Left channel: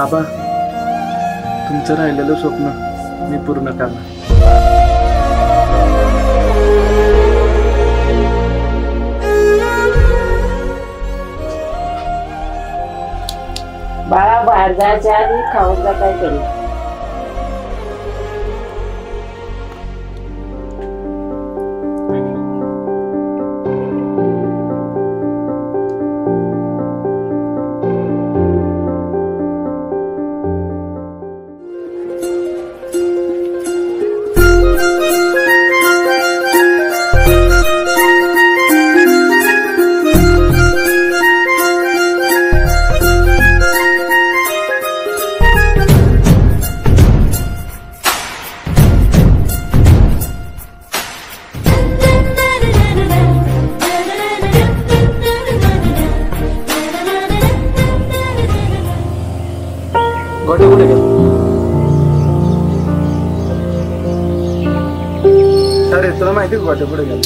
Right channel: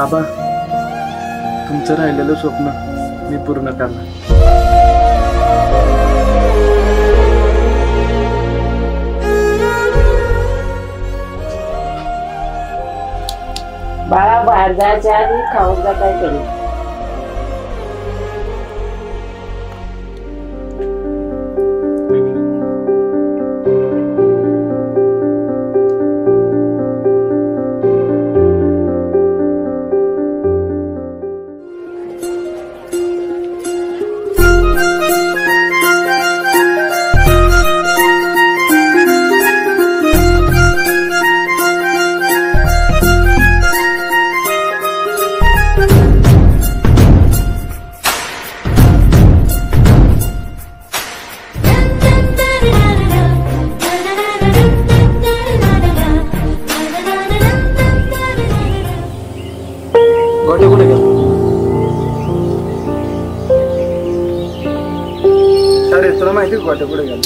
आबा, तुमचं राहिलेलं स्वप्न मी पूर्ण करणार. बाळा, बाहेर जायच्या आधी खाऊन जा काहीतरी. गोटे कुठे गेला? अरे तुला माहिती गोटे कुठे गेला?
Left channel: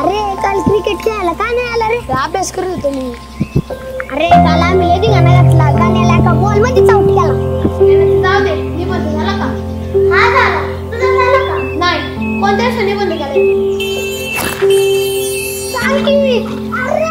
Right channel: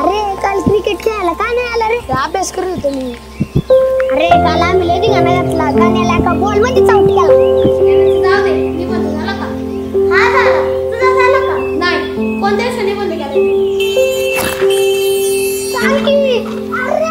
अरे काल क्रिकेट खेळायला का नाही आला रे? अभ्यास करत होतो मी. अरे काल आम्ही लय धिंगाणा घातला. गाण्याला एका बॉल मध्ये चावटी गेला. जाऊ दे, निबंध झाला का? हा झाला. तुझा झाला का? नाही. कोणत्या दिवशी निबंध केला? सांग की. अरे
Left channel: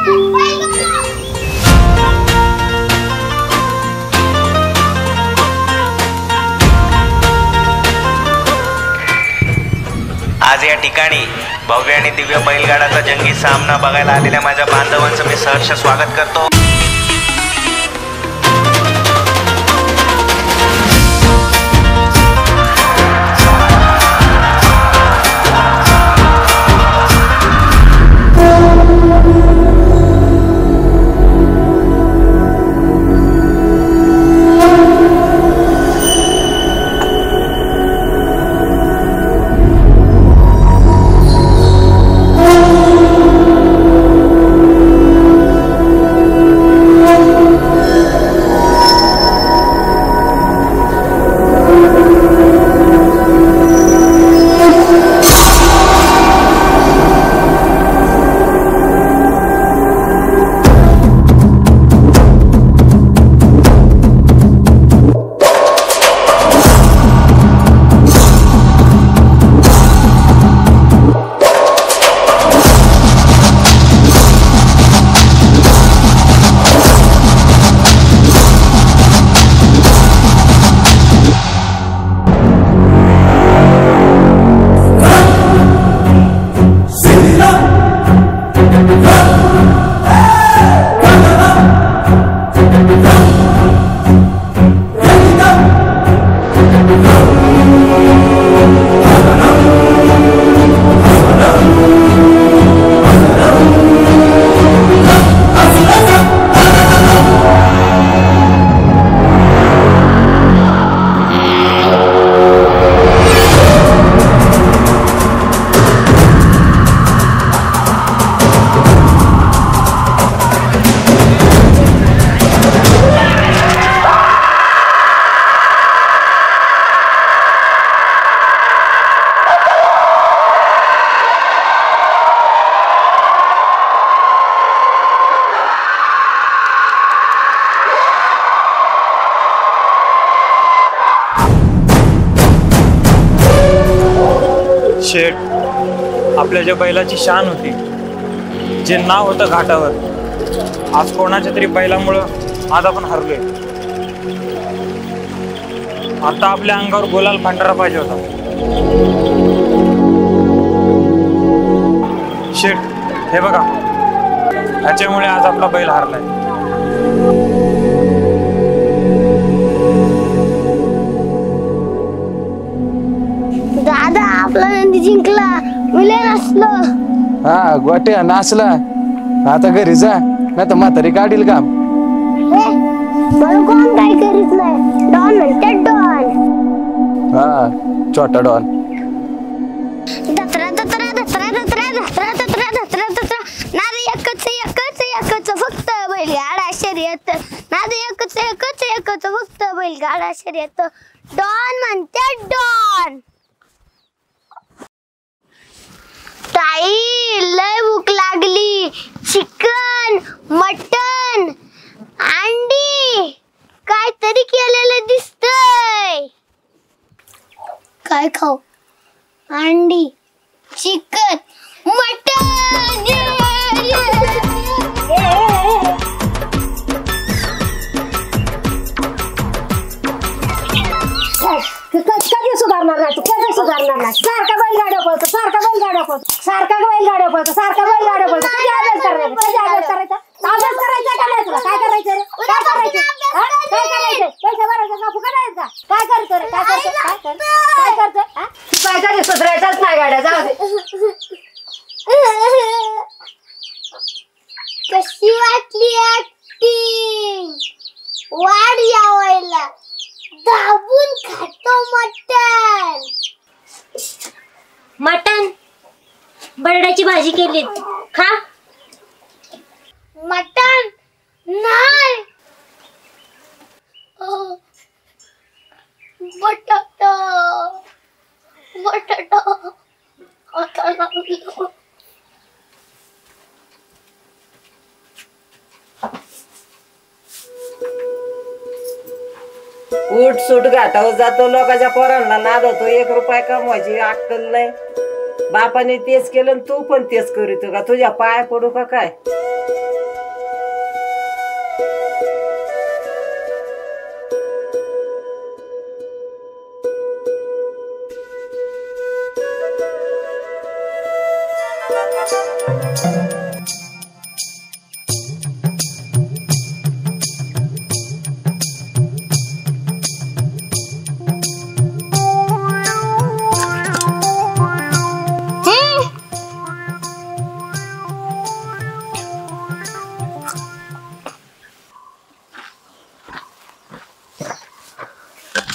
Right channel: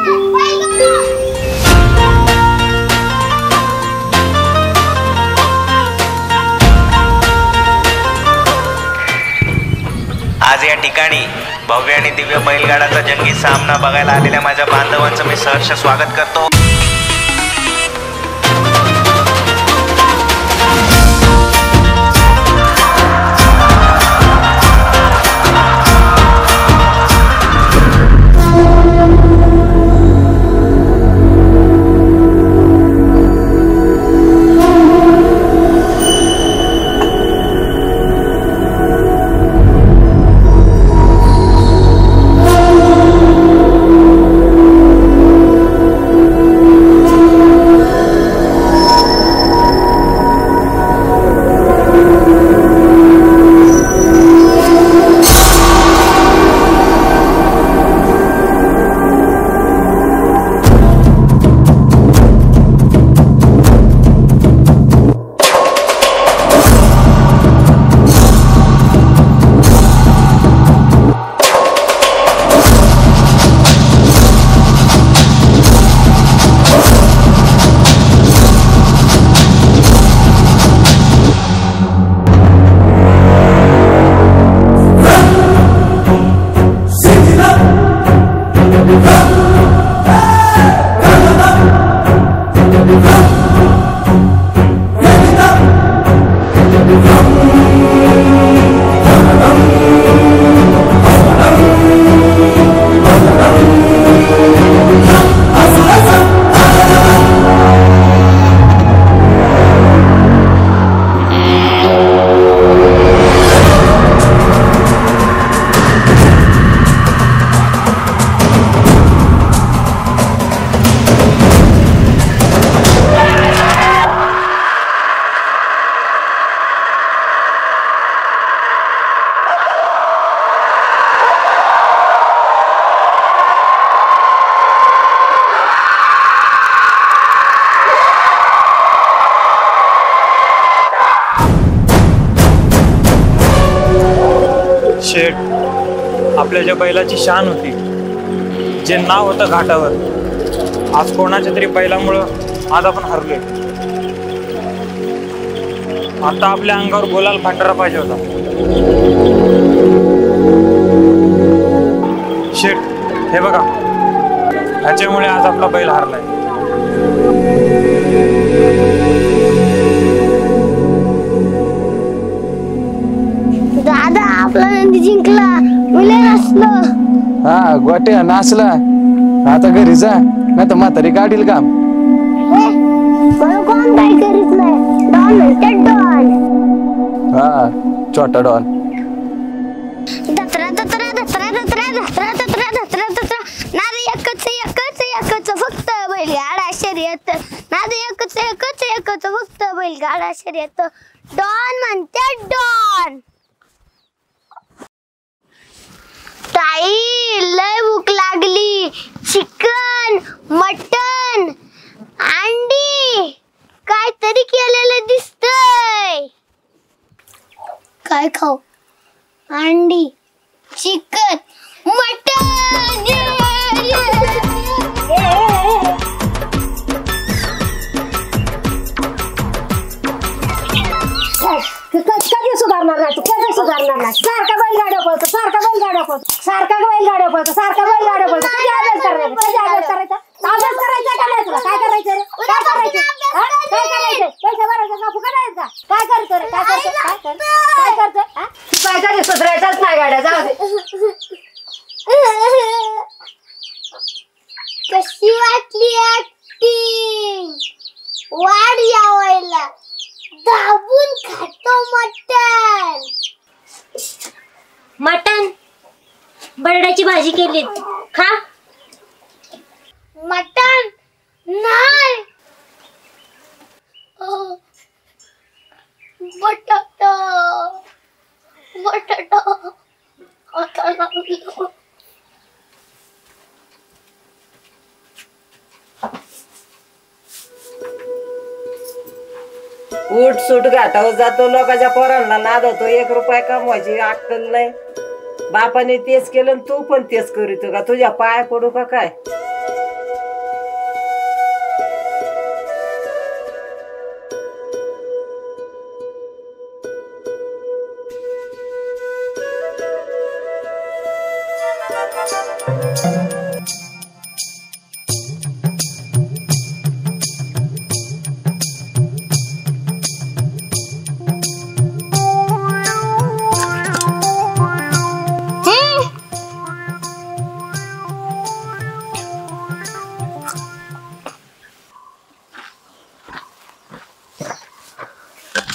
आज या ठिकाणी भव्य आणि दिव्य बैलगाडाचा जंगी सामना बघायला आलेल्या माझ्या बांधवांचं मी सहर्ष स्वागत करतो. शेठ, आपल्या ज्या बैलाची शान होती, जे नाव होतं घाटावर, आज कोणाच्या तरी बैलामुळं आज आपण हरलोय. आता आपल्या अंगावर गोलाल भांडारा पाहिजे होता. शेठ, हे बघा, ह्याच्यामुळे आज आपला बैल हारलाय. दादा, आपला नंदी जिंकला. मुले नसलो. हा, गोट्या नाचला. आता घरी जा, नाही तर म्हातारी काढील काम. मला कोण काय करीत नाही. डॉन म्हणते डॉन. हा, छोटा डॉन. दत्रा दत्रा दत्रा दत्रा दत्रा दत्रा दत्रा दत्रा. नाद एकच एकच एकच फक्त बैलगाडा शर्यत. नाद एकच एकच एकच फक्त बैलगाडा शर्यत. डॉन म्हणते डॉन. ताई, लय भूक लागली. मटण, अंडी काहीतरी केलेलं दिसतंय. काय खाऊ? अंडी, चिकन, मटण. कधी सुधारणार नाही तू, कधी सुधारणार नाही. सारखा बैलगाड्या पळतो, सारखा बैलगाड्या पळतो, सारखा बैलगाड्या पळतो, सारखा बैलगाड्या पळतो. कधी अभ्यास करायचा, कधी अभ्यास करायचा? अभ्यास करायचा का नाही तुला? काय करायचं रे? काय करायचं? काय करायचं? पैसे भरायचं का? फुकट आहे का? काय करतो रे? काय करतो? काय करतो? तू काय कधी सुधारायचाच नाही गाड्या, जाऊ दे. कशी वाटली ऍक्टिंग? वाढ यावायला दाबून खातो मटण. मटण बरड्याची भाजी केली, खा. मटण नाही. बटाटा बटाटा आता लागलो. उठ सूट घाटावर जातो, लोकांच्या पोरांना नादवतो. 1 रुपया कमवायची अक्कल नाही. बापाने तेच केलं आणि तू पण तेच करीतो का? तुझ्या पाय पडू का काय?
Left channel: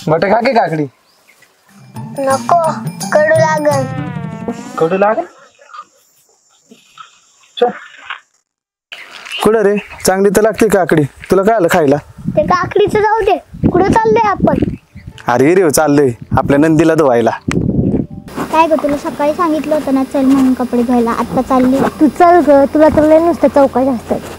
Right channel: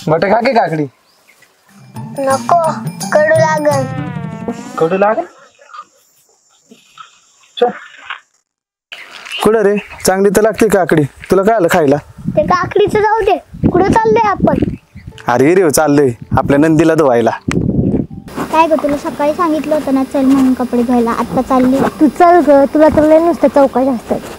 मट खा की काकडी. नको, कडू लागल. कडू लागेल. कुठं रे? चांगली तर लागते काकडी. तुला काय आलं खायला? ते काकडीचं जाऊ दे. कुठं चाललोय आपण? अरे रे चाललोय आपल्या नंदीला धुवायला. काय ग, तुला सकाळी सांगितलं होतं ना चल म्हणून कपडे धुवायला. आता चालली. तू चल ग, तुला तर लय नुसतं चौकाशी असतात.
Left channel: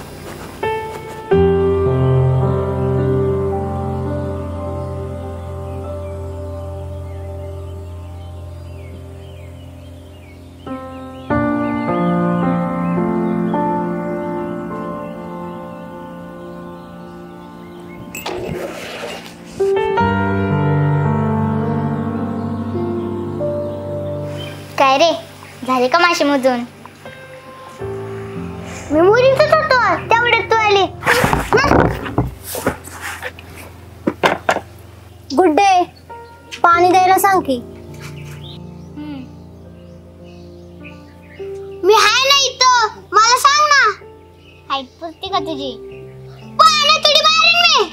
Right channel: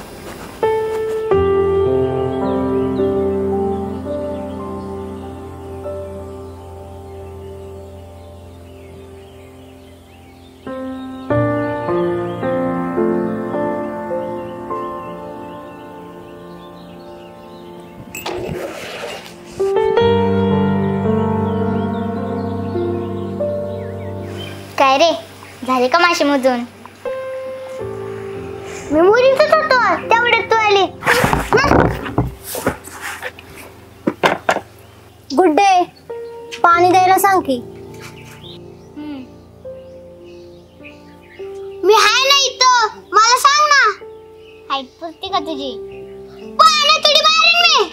काय रे, झाले का मासे मोजून? मी मुलीच होतो तेवढ्यात तू आली. गुड डे, पाणी द्यायला सांग की. मी हाय ना इथं, मला सांग ना. हाईट पुसते का तुझी? पाणी थोडी मारीन मी.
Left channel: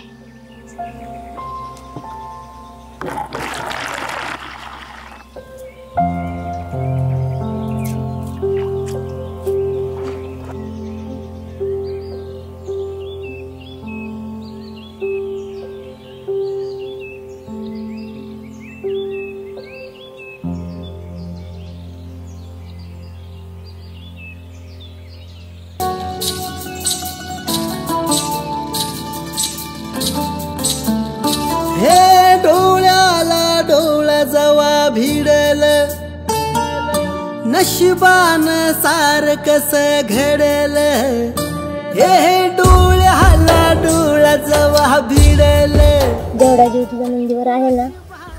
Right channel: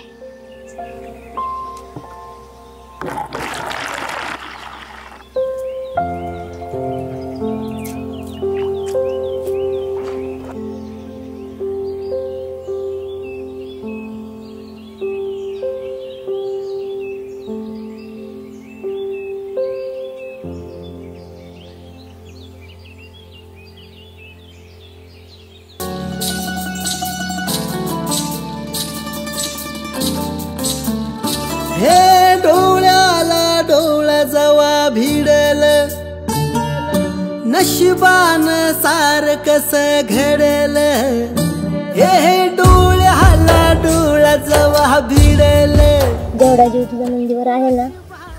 हे डोळ्याला डोळा जवा भिडल, नशिबान सार कस घडल. हे डोळ्याला डोळा जवा भिडल. जेवढा जीव तुझ्या नंदीवर आहे ना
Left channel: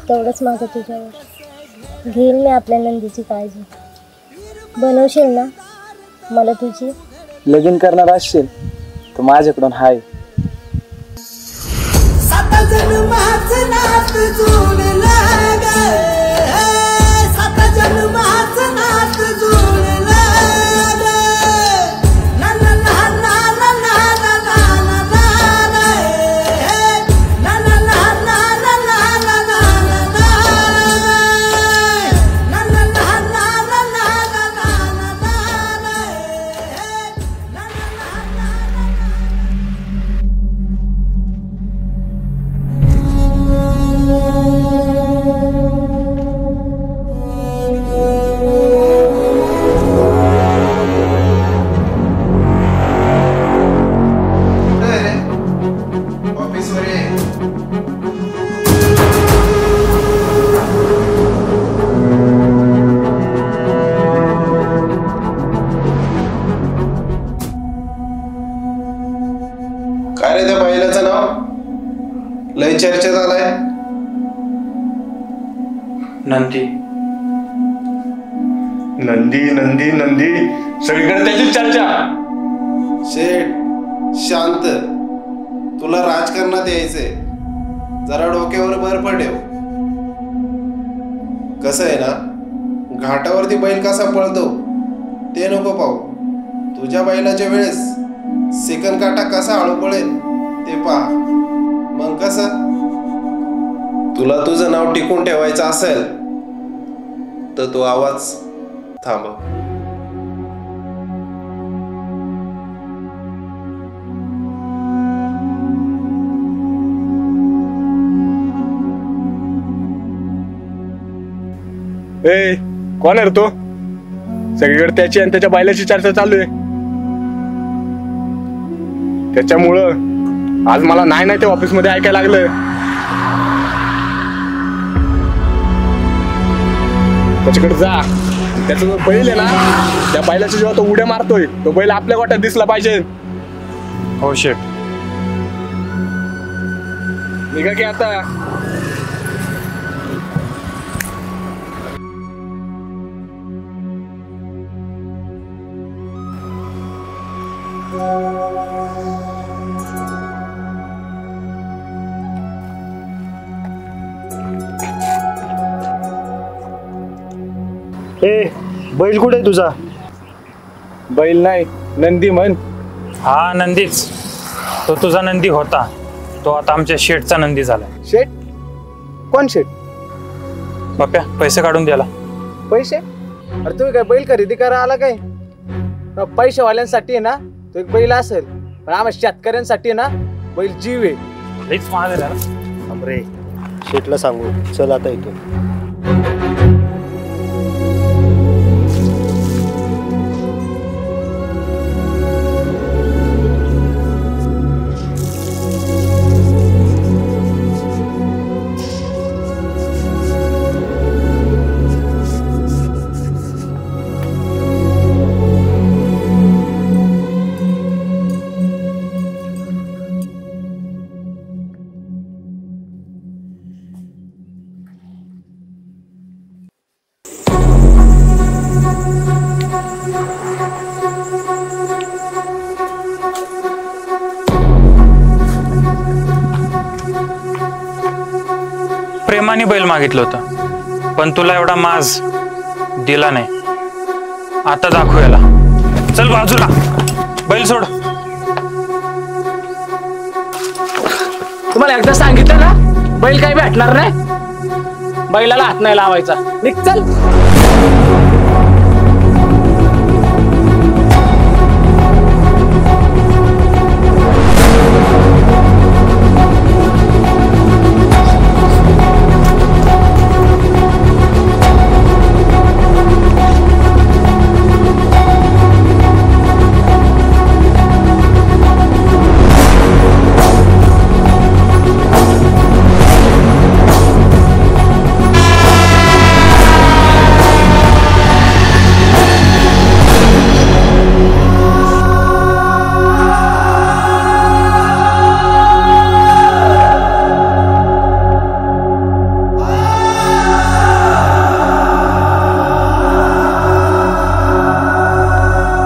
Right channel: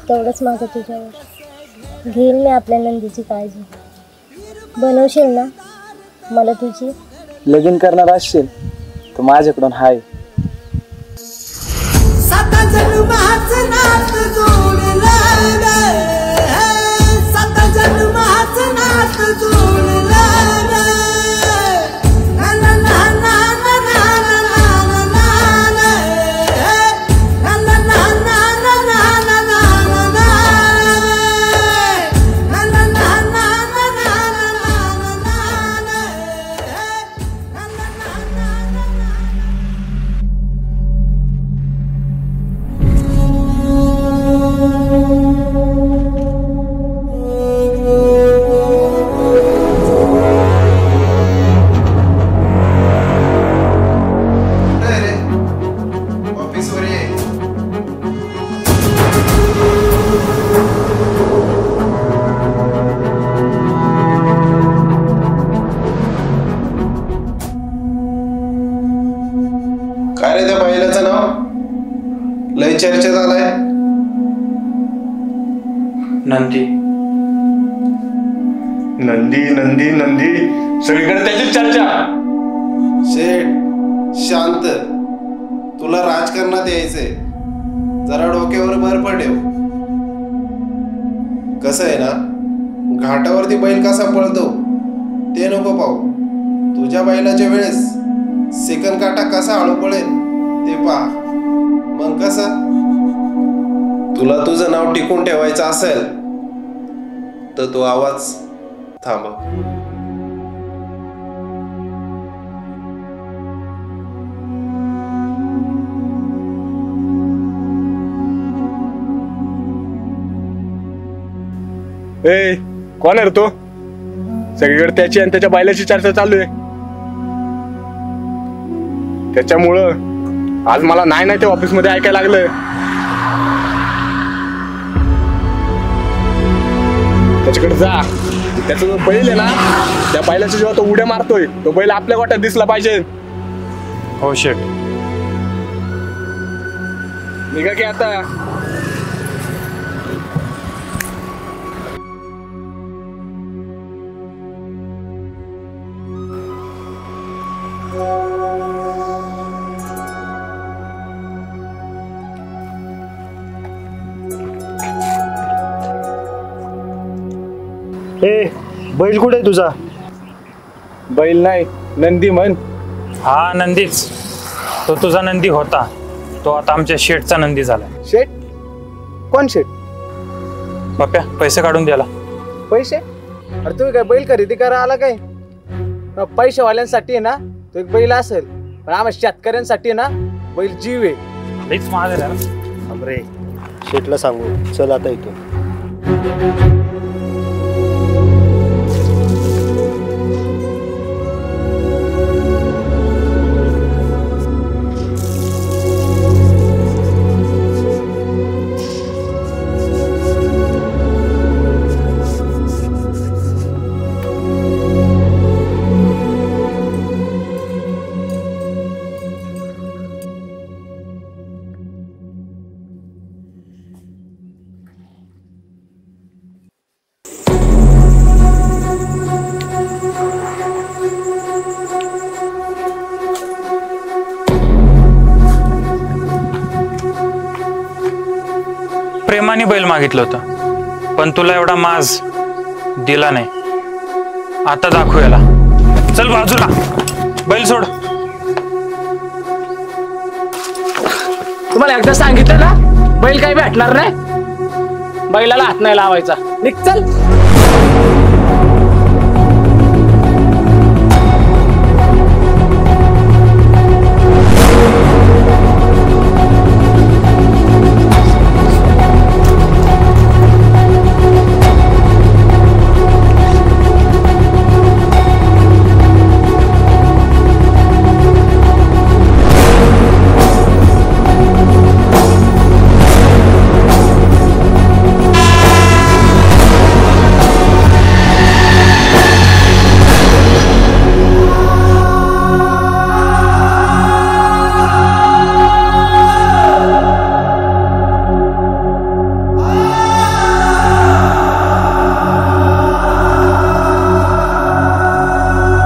तेवढंच माझं तुझ्यावर. घेईल मी आपल्या नंदीची काळजी. बनवशील ना मला तुझी? लगीन करणार असशील तर माझ्याकडून हाय. सात जन्माचं नात जोडलं ग, सात जन्माचं नात जोडलं. चर्चेत आलाय? नंदी नंदी नंदी नंदी सगळीकडे त्याची चर्चा. शेठ शांत, तुला राजकारणात यायचंय, जरा डोक्यावर बर्फ ठेव. कसं आहे ना, घाटावरती बैल कसा पळतो ते नको पाहू. तुझ्या बैलाच्या वेळेस सेकंद काटा कसा हळू पळेल ते पहा. मग कसं, तुला तुझं नाव टिकून ठेवायचं असेल तर तो आवाज थांबव. ए कोण आहे रे तो? सगळीकडे त्याची आणि त्याच्या बैलाची चर्चा चालू आहे. त्याच्यामुळं आज मला नाही ते ऑफिस मध्ये ऐकायला लागलं. त्याच्याकडे जा, त्याचा जो बैल आहे ना, त्या बैलाच्या जेव्हा तो उड्या मारतोय तो बैल आपल्या गोट्यात दिसला पाहिजे. हो शेठ. निघा की आता. ए बैल कुठे आहे तुझा? बैल नाही, नंदी म्हण. हा नंदीच. तो तुझा नंदी होता, तो आता आमच्या शेठचा नंदी झालाय. शेठ? कोण शेठ? बाप्या पैसे काढून द्याला. पैसे? अरे तुम्ही काय बैल खरेदी करा आला काय? पैशावाल्यांसाठी आहे ना तो एक बैल असेल, पण आम्हा शेतकऱ्यांसाठी ना बैल जीव आहे. लईच महाग आहे त्याला. थांबरे, शेठला सांगू. चल आता इथून. प्रेमाने बैल मागितलं होतं, पण तुला एवढा माज दिला नाही. आता दाखवू याला. चल बाजूला, बैल सोड. तुम्हाला एकदा सांगितलं ना बैल काही भेटणार नाही, बैलाला हात नाही लावायचा. निघ चल.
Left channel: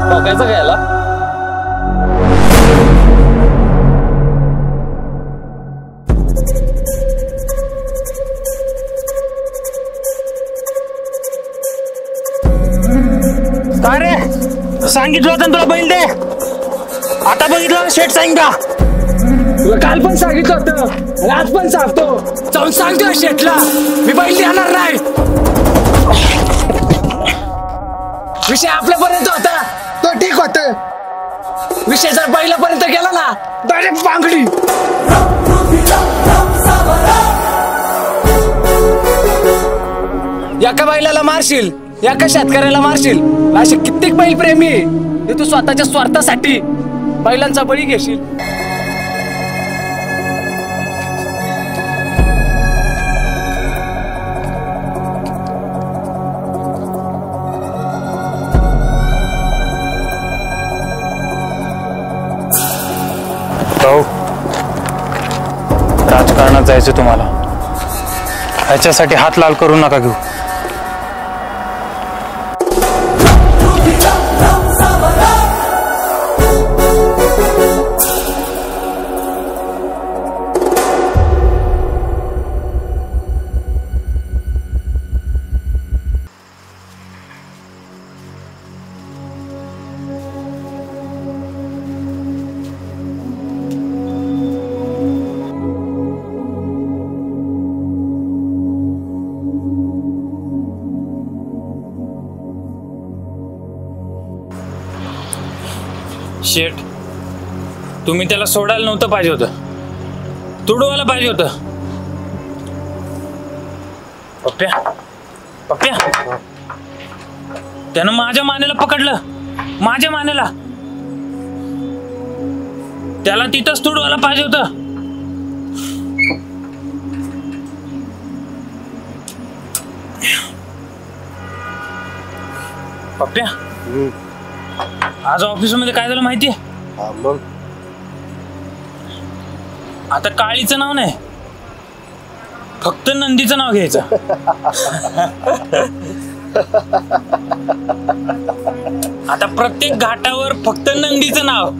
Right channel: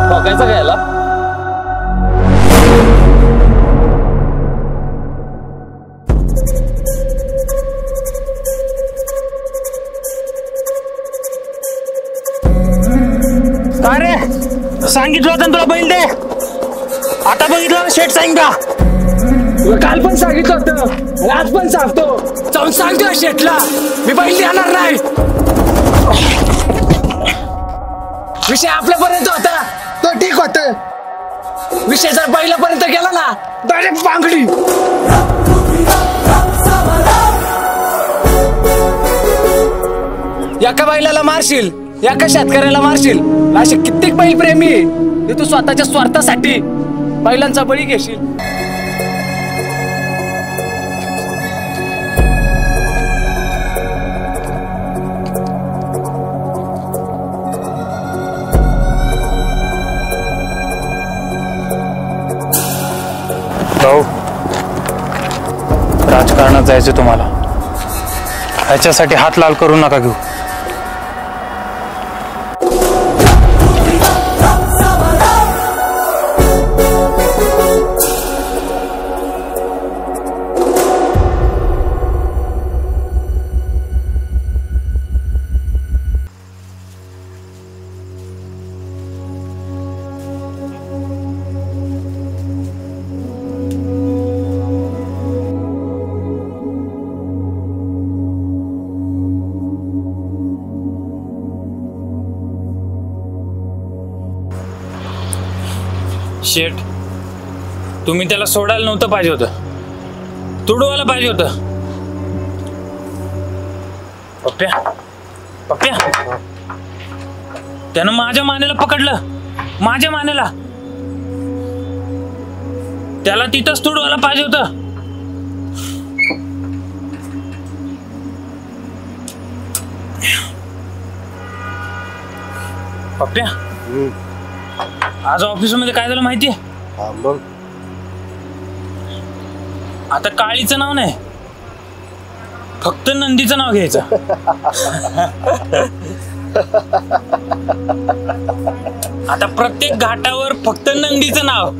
ठोकायचं काय याला? काय रे, सांगितलं होतं ना तुला बैल दे. आता बघितलं शेठ सांग का? तुला काल पण सांगितलं होतं आणि आज पण सांगतो. जाऊन सांगतो शेठला मी बैल देणार नाही. विषय आपल्यापर्यंत होता तो ठीक होत, विषय जर बैलापर्यंत गेला ना डायरेक्ट बांगडी. एका बैलाला मारशील, एका शेतकऱ्याला मारशील, असे कित्येक बैल प्रेमी हे तू स्वतःच्या स्वार्थासाठी बैलांचा बळी घेशील. राजकारणात जायचं तुम्हाला, ह्याच्यासाठी हात लाल करू नका घेऊ. शेठ, तुम्ही त्याला सोडायला नव्हतं पाहिजे होतं, तुडवायला पाहिजे होतं. पप्प्या पप्प्या, त्यानं माझ्या मानेला पकडलं, माझ्या मानेला. त्याला तिथंच तुडवायला पाहिजे होतं. पप्प्या, आज ऑफिसमध्ये काय झालं माहितीये? मग आता काळीचं नाव नाही, फक्त नंदीचं नाव घ्यायचं. आता प्रत्येक घाटावर फक्त नंदीचं नाव.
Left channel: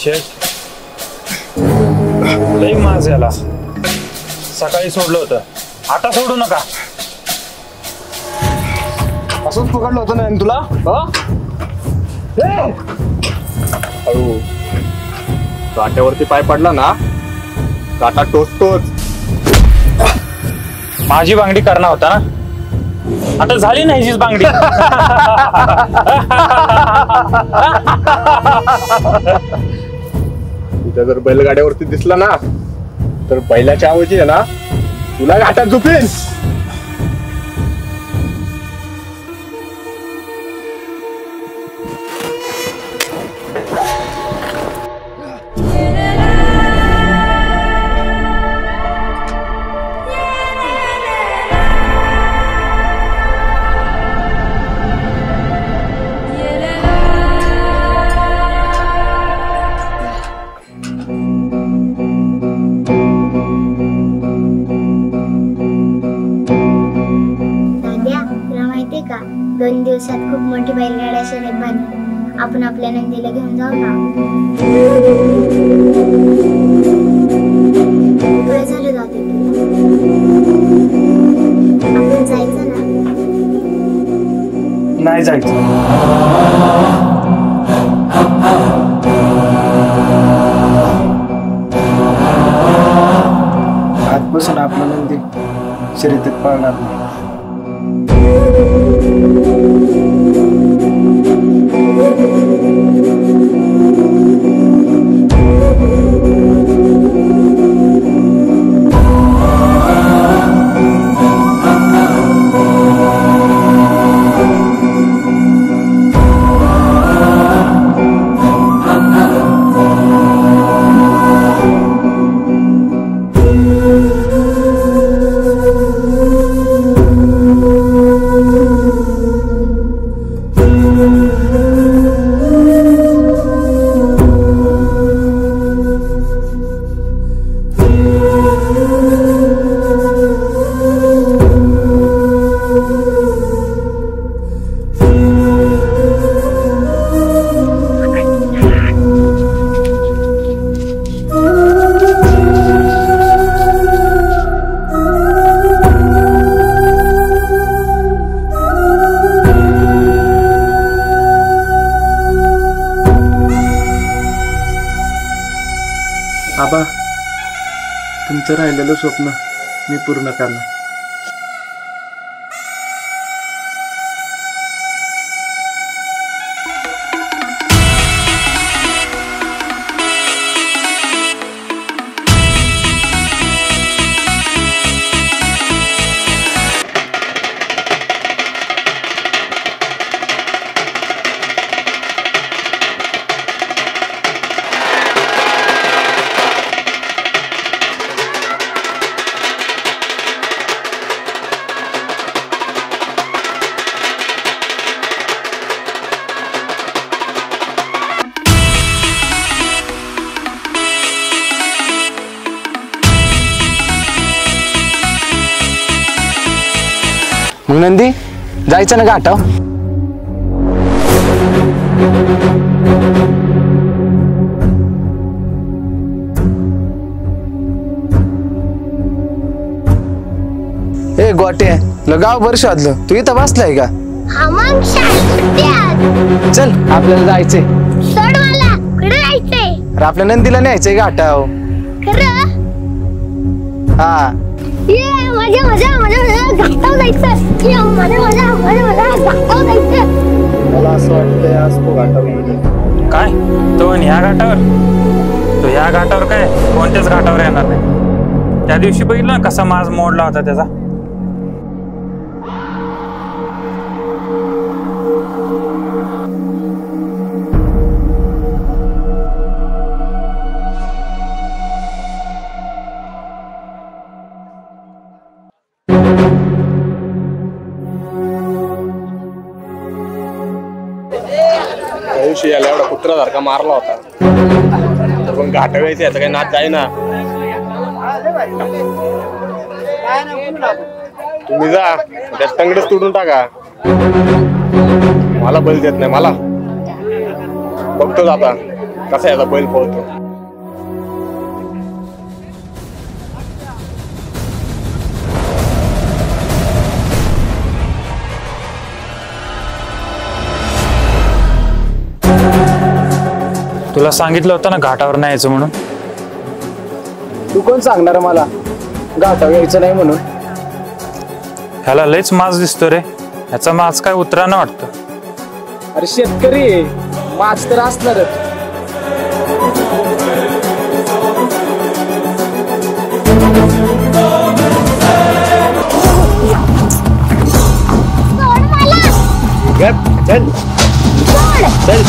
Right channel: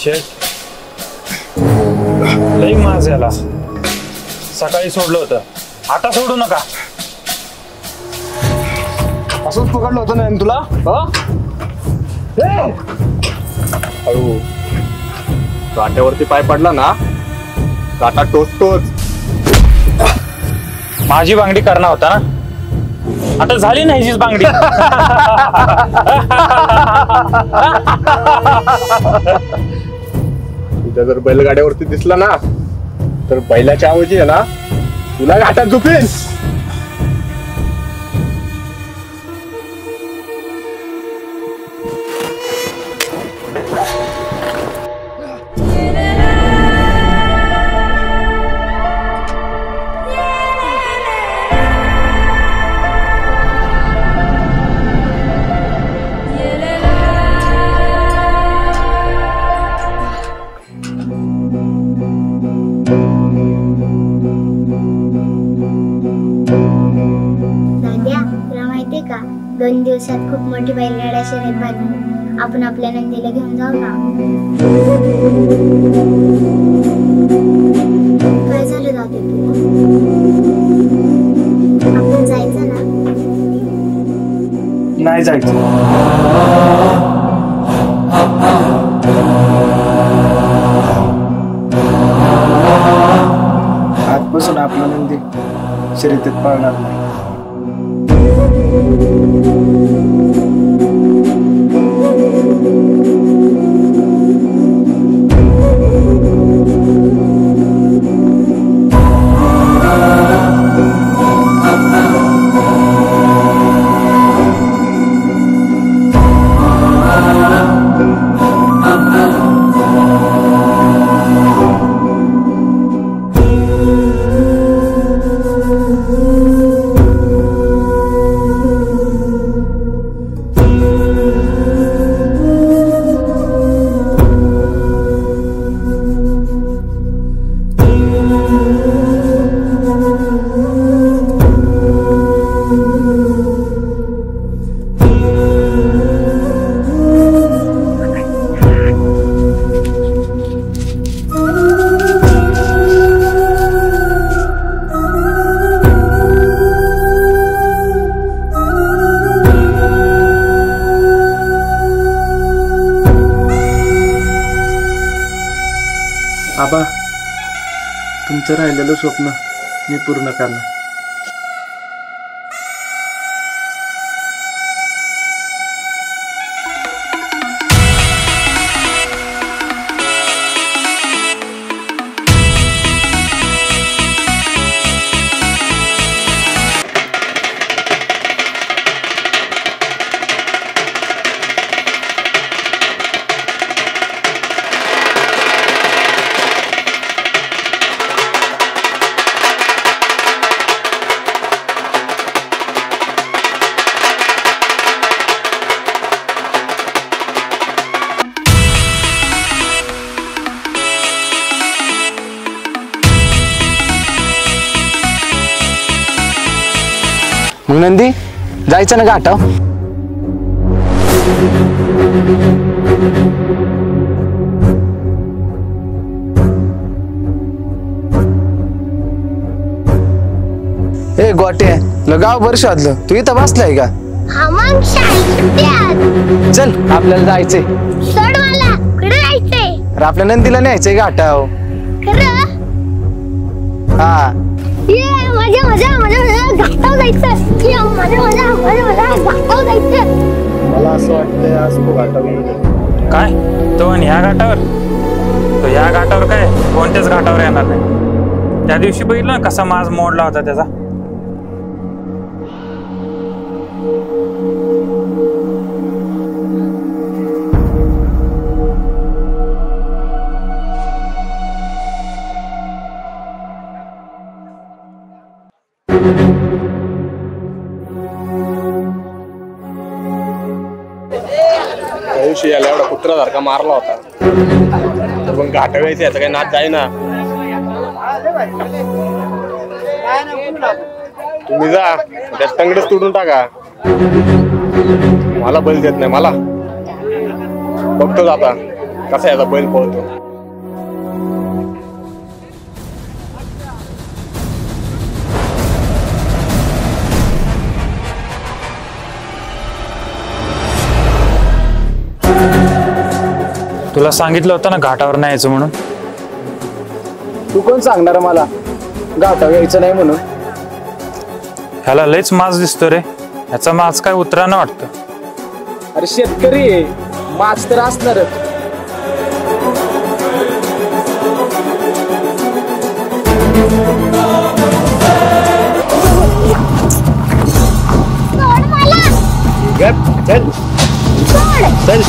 शेठ, लई माज याला. सकाळी सोडलं होतं, आता सोडू नका. असंच पकडलं होतं ना तुला? हळू, काट्यावरती पाय पडला ना, काटा टोचतोच. माझी बांगडी करणार होता ना, आता झाली नाही हीच बांगडी. तुझ्या जर बैलगाड्यावरती दिसला ना, तर बैलाच्या ऐवजी आहे ना, तुला घाटात झोपेन. का 2 दिवसात खूप मोठी बैलगाड्या शर्यत भरणार. आपण आपल्या नंदीला घेऊन जाऊ ना. काय झालं दादा तुला? आपण जायचं ना? नाही जायचं. आजपासून आपला नंदी शर्यतीत पळणार नाही. तुमचं राहिलेलं स्वप्न मी पूर्ण करणार. मग नंदी जायचं ना घाटाव? ए गोटे गाव बरं शोधलं, तू इथं बसलाय का? हा मग सुट्ट्यात. चल आपल्याला जायचंय. सोड मला, कुठे जायचंय? अरे आपल्या नंदीला न्यायचंय घाटाव. खरं? हा ये मजा मजा मजा मजा घाटाव जायचं. ये मजा मजा मजा मजा घाटाव जायचं. मला असं वाटतंय आज तो घाटाव येईल. काय तो आणि ह्या घाटावर? तो ह्या घाटावर काय कोणत्याच घाटावर येणार नाही. त्या दिवशी बघितलं ना कसा माज मोडला होता त्याचा. त्या दिवशी याला एवढा कुत्र्यासारखा मारला होता, तर पण घाटाव यायचं याचा काही नाच जाईना. तुम्ही जा त्याच तंगडच तुडून टाका. मला बैल देत नाही. मला बघतोच आता कसा याचा बैल पळतो. तुला सांगितलं होतं ना घाटावर नाही यायचं म्हणून. तू कोण सांगणार मला घाटाव यायचं नाही म्हणून? ह्याला लयच माज दिसतो रे. ह्याचा माज काय उतरानं वाटतं. अरे शेतकरी आहे, माच तर असणारच. सोड मला. चल सोड. चल.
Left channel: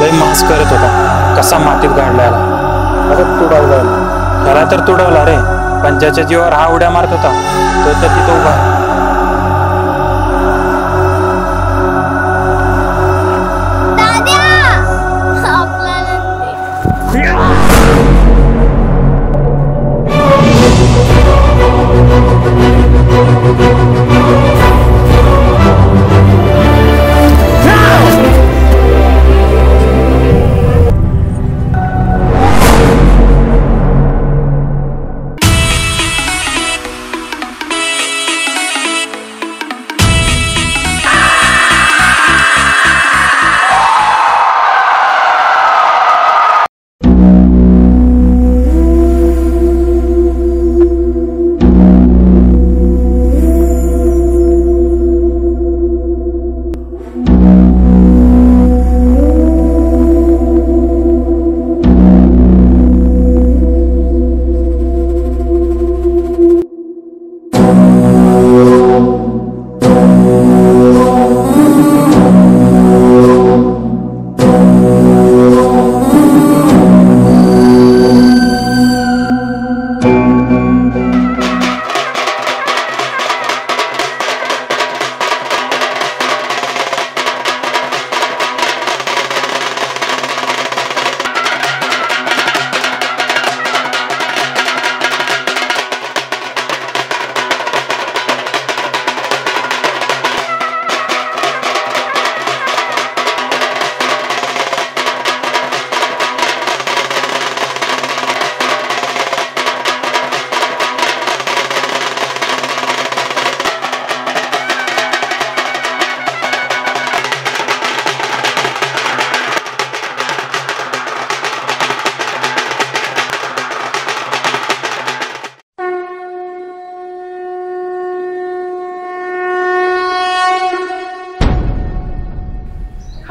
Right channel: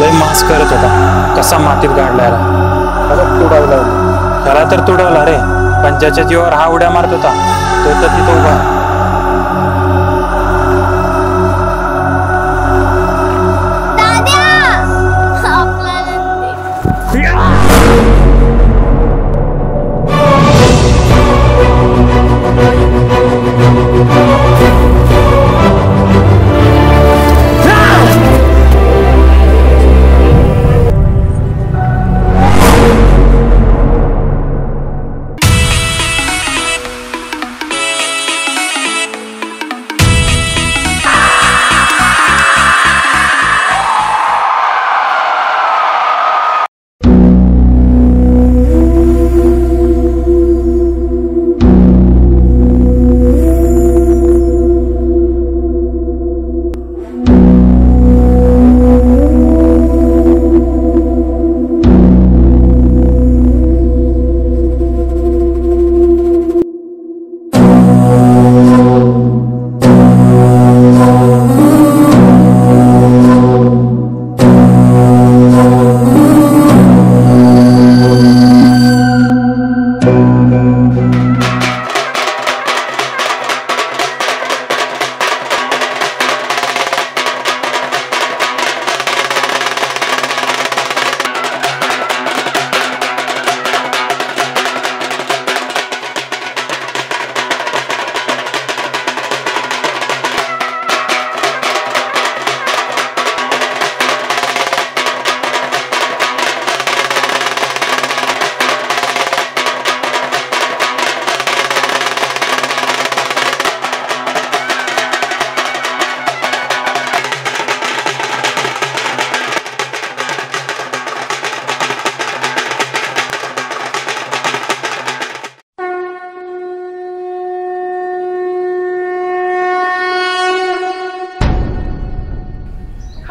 लय मास करत होता. कसा मातीत गाडला याला. कसा तुडवला? ह्याला तर तुडवला रे, पण ज्याच्या जीवावर हा उड्या मारत होता तो तर तिथं उभा आहे.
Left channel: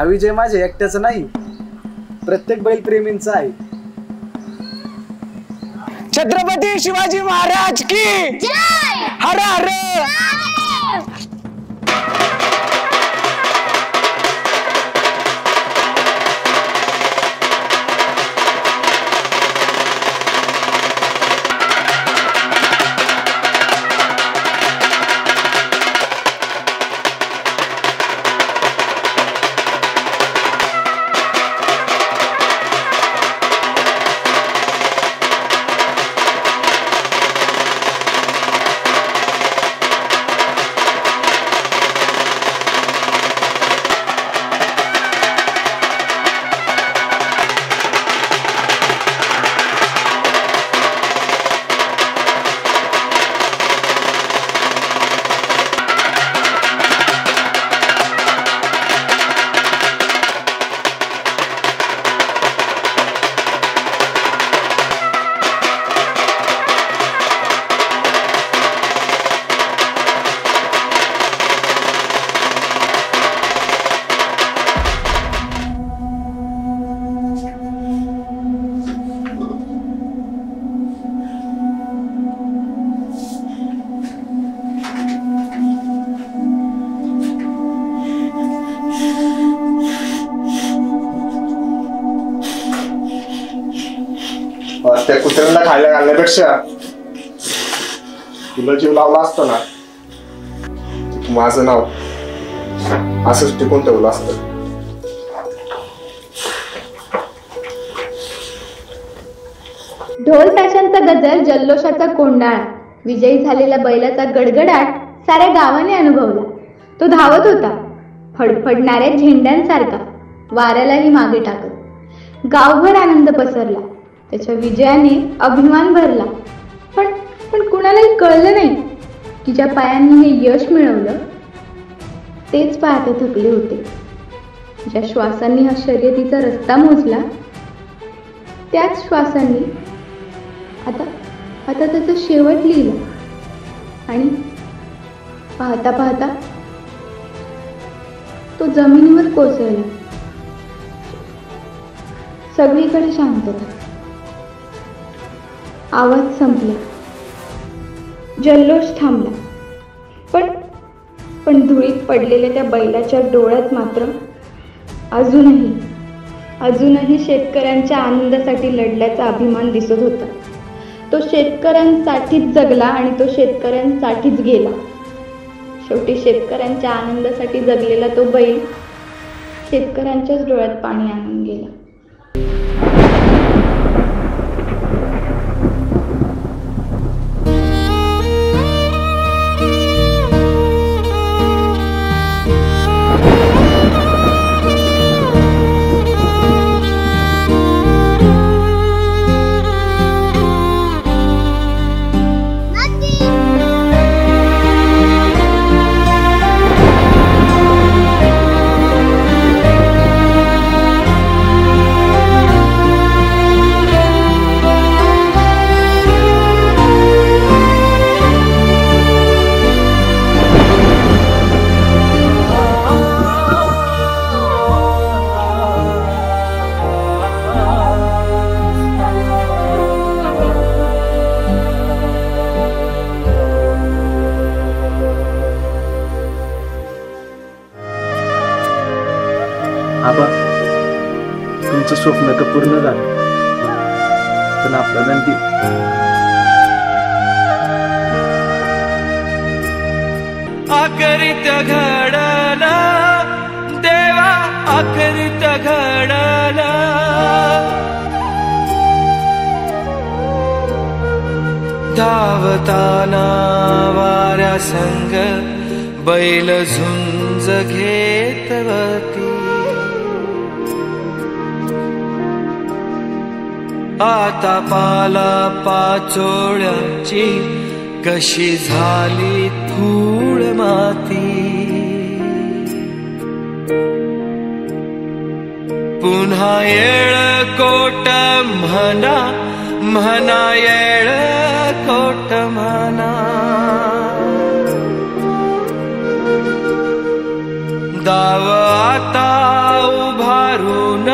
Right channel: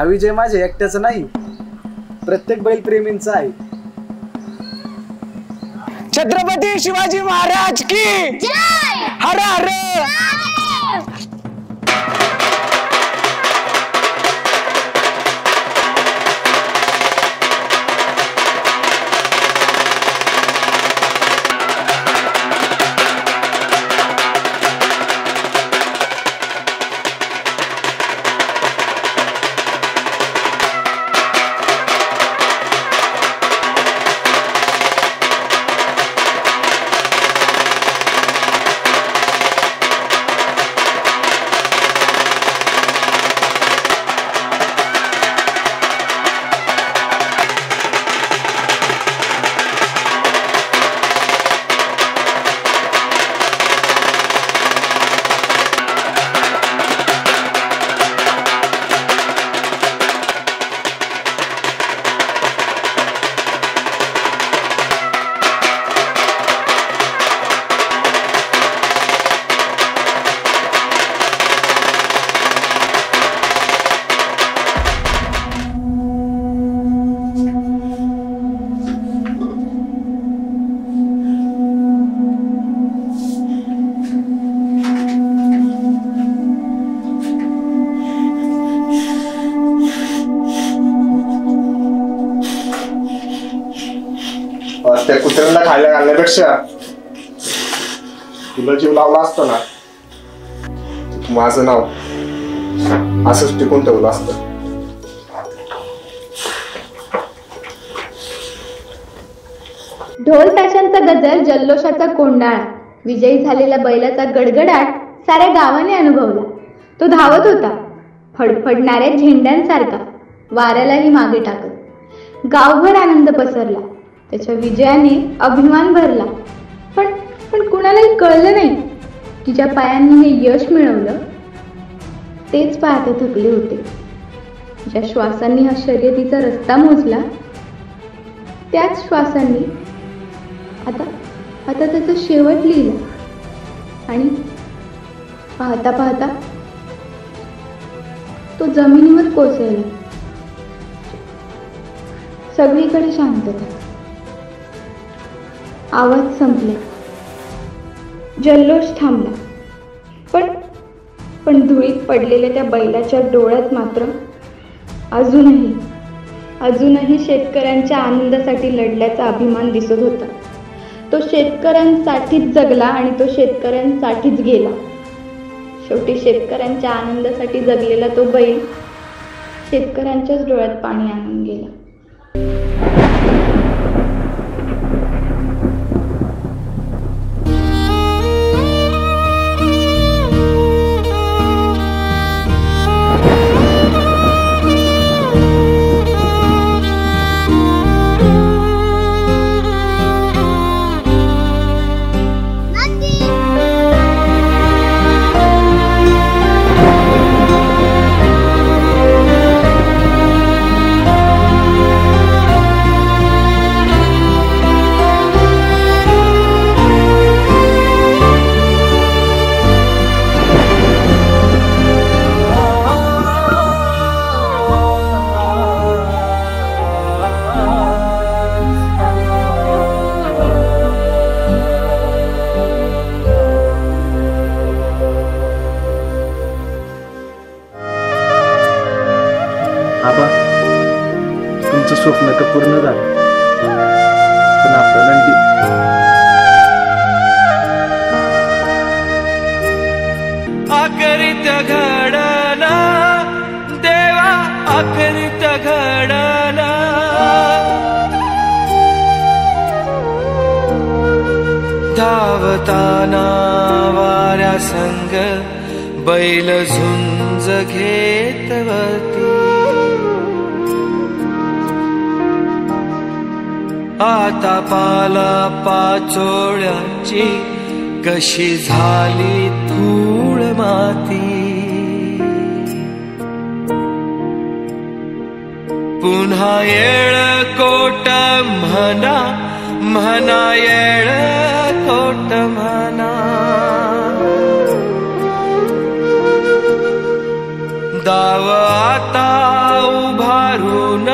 हा विजय माझ्या एकट्याचा नाही, प्रत्येक बैलप्रेमींचा आहे. छत्रपती शिवाजी महाराज की जय. हर हर. त्या कुत्र्यांना खायला घालण्यापेक्षा तुला जीव लावला असतो ना, माझं नाव असंच टिकून ठेवलं असतं. ढोल ताशांचा गजर, जल्लोषाचा कोंडाळा, विजयी झालेल्या बैलाचा गडगडाट साऱ्या गावाने अनुभवला. तो धावत होता फडफडणाऱ्या झेंड्यांसारखा, वाऱ्यालाही मागे टाकत. गावभर आनंद पसरला. त्याच्या विजयाने अभिमान भरला. पण कुणालाही कळलं नाही की ज्या पायांनी हे यश मिळवलं तेच पाहते थकले होते. ज्या श्वासांनी हा शर्यतीचा रस्ता मोजला त्याच श्वासांनी आता त्याचा शेवट लिहिला. आणि पाहता पाहता तो जमिनीवर कोसळला. सगळीकडे शांतता. आवाज संपला. जल्लोष थांबला. पण धुळीत पडलेल्या त्या बैलाच्या डोळ्यात मात्र अजूनही शेतकऱ्यांच्या आनंदासाठी लढल्याचा अभिमान दिसत होता. तो शेतकऱ्यांसाठीच जगला आणि तो शेतकऱ्यांसाठीच गेला. शेवटी शेतकऱ्यांच्या आनंदासाठी जगलेला तो बैल शेतकऱ्यांच्याच डोळ्यात पाणी आणून गेला. आबा, तुमचं स्वप्न तर पूर्ण झालं, पण आपला नंदी आकरित घडला देवा, आकरित घडला धावताना वाऱ्या संग बैल झुंज घेतवती. आता पाला पाचोळ्याची कशी झाली धूळ माती. पुन्हा येळ कोट म्हणा, म्हणा येळ कोट म्हणा. डाव आता उभारून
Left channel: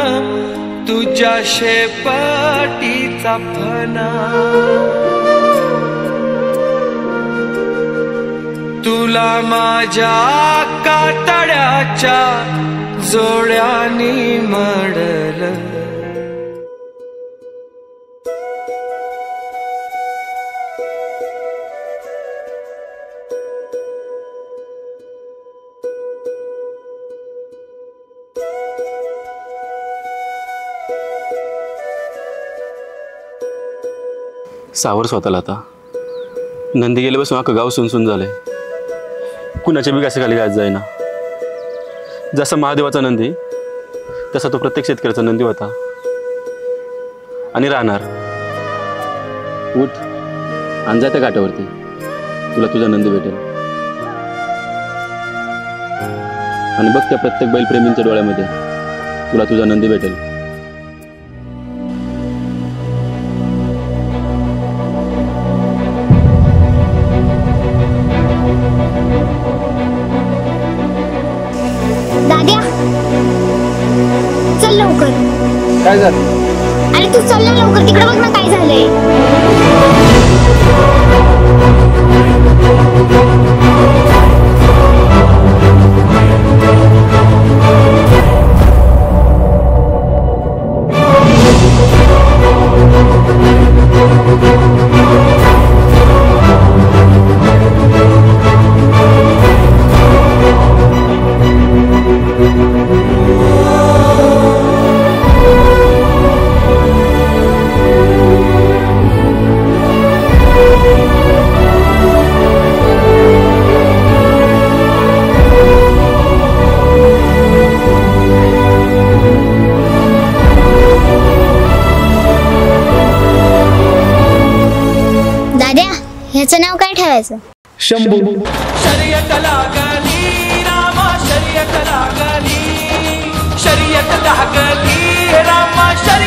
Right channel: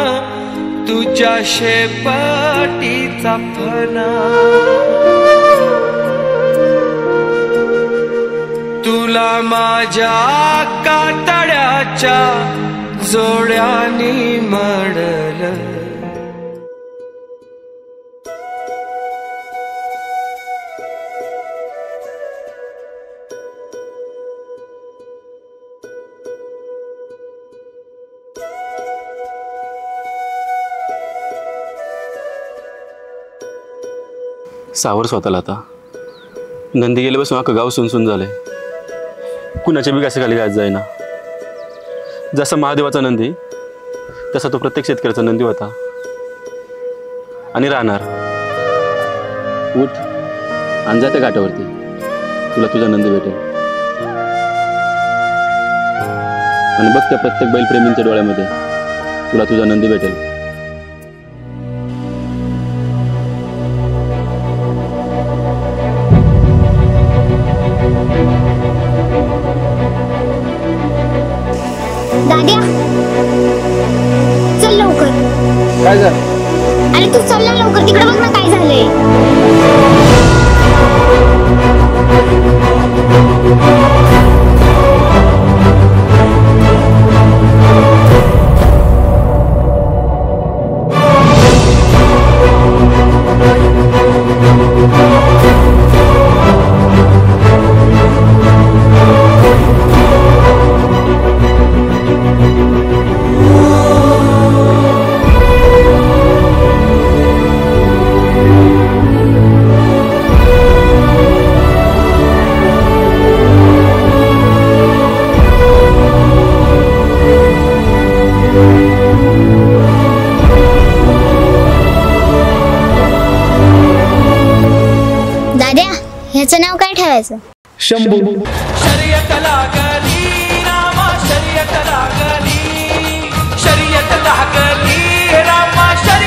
तुझ्या शेपटीचा फना तुला माझ्या कातड्याच्या जोड्यानी मडल सावर स्वतःला आता नंदी गेल्यापासून अख्खं गाव सुनसून झालंय. कुणाच्या बी घासाखाली गाज जाईना. जसा महादेवाचा नंदी तसा तो प्रत्येक शेतकऱ्याचा नंदी होता आणि राहणार. उठ आणि जा त्या घाटावरती, तुला तुझा नंदी भेटेल. आणि बघ त्या प्रत्येक बैलप्रेमींच्या डोळ्यामध्ये तुला तुझा नंदी भेटेल. दाद्या चल लवकर. काय झालं? अरे तू चल ना लवकर, तिकडे बघ ना काय झालंय. दाद्या ह्याचं नाव काय ठेवायचं? शंभू. शर्यत लागली रामा शर्यत लागली शर्यत लागली रामा शर्यत